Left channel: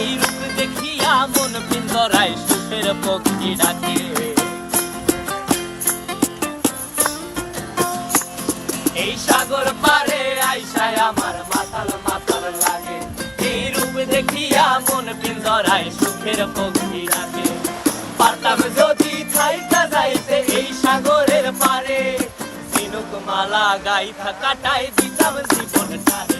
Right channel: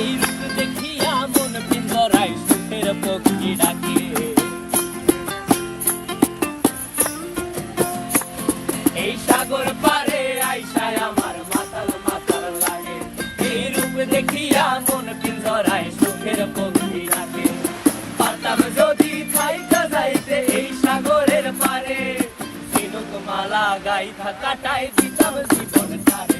এই রূপ দেখিয়া মন পিঞ্জরায় সুখের পক্ষী ডাকে। এই সাগর পারে আইসায় আমার মাতাল মাতাল লাগে। এই রূপ দেখিয়া মন পিঞ্জরায় সুখের পক্ষী ডাকে। পারতাম যদি থাইকা যাইতে এই সাগরের পারে। সিনুক মালা গাইথা কাটাই দিতাম জীবনটারে।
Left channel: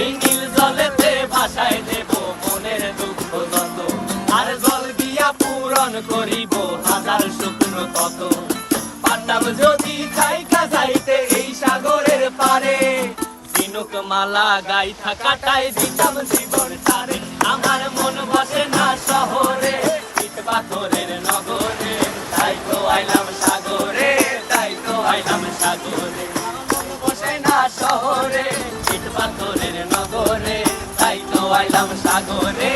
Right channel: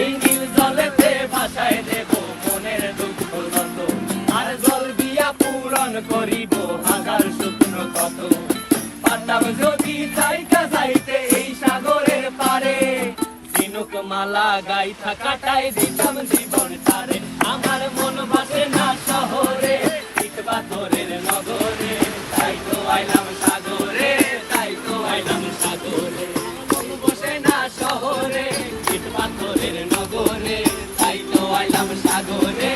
এই নীল জলেতে ভাসায় দেব, মনের দুঃখ যত। আর জল দিয়া পূরণ করিব, হাজার শুকনো কত পারে, ঝিনুক মালা গাইথা কাটায় দিতাম জীবন তারে। আমার মন বসে না শহরে, ইট পাথরের নগরে। তাই তো আইলাম সাগরে, তাই তো আইলাম সাগরে। বসে না শহরে వాళ్ళ సాగోరే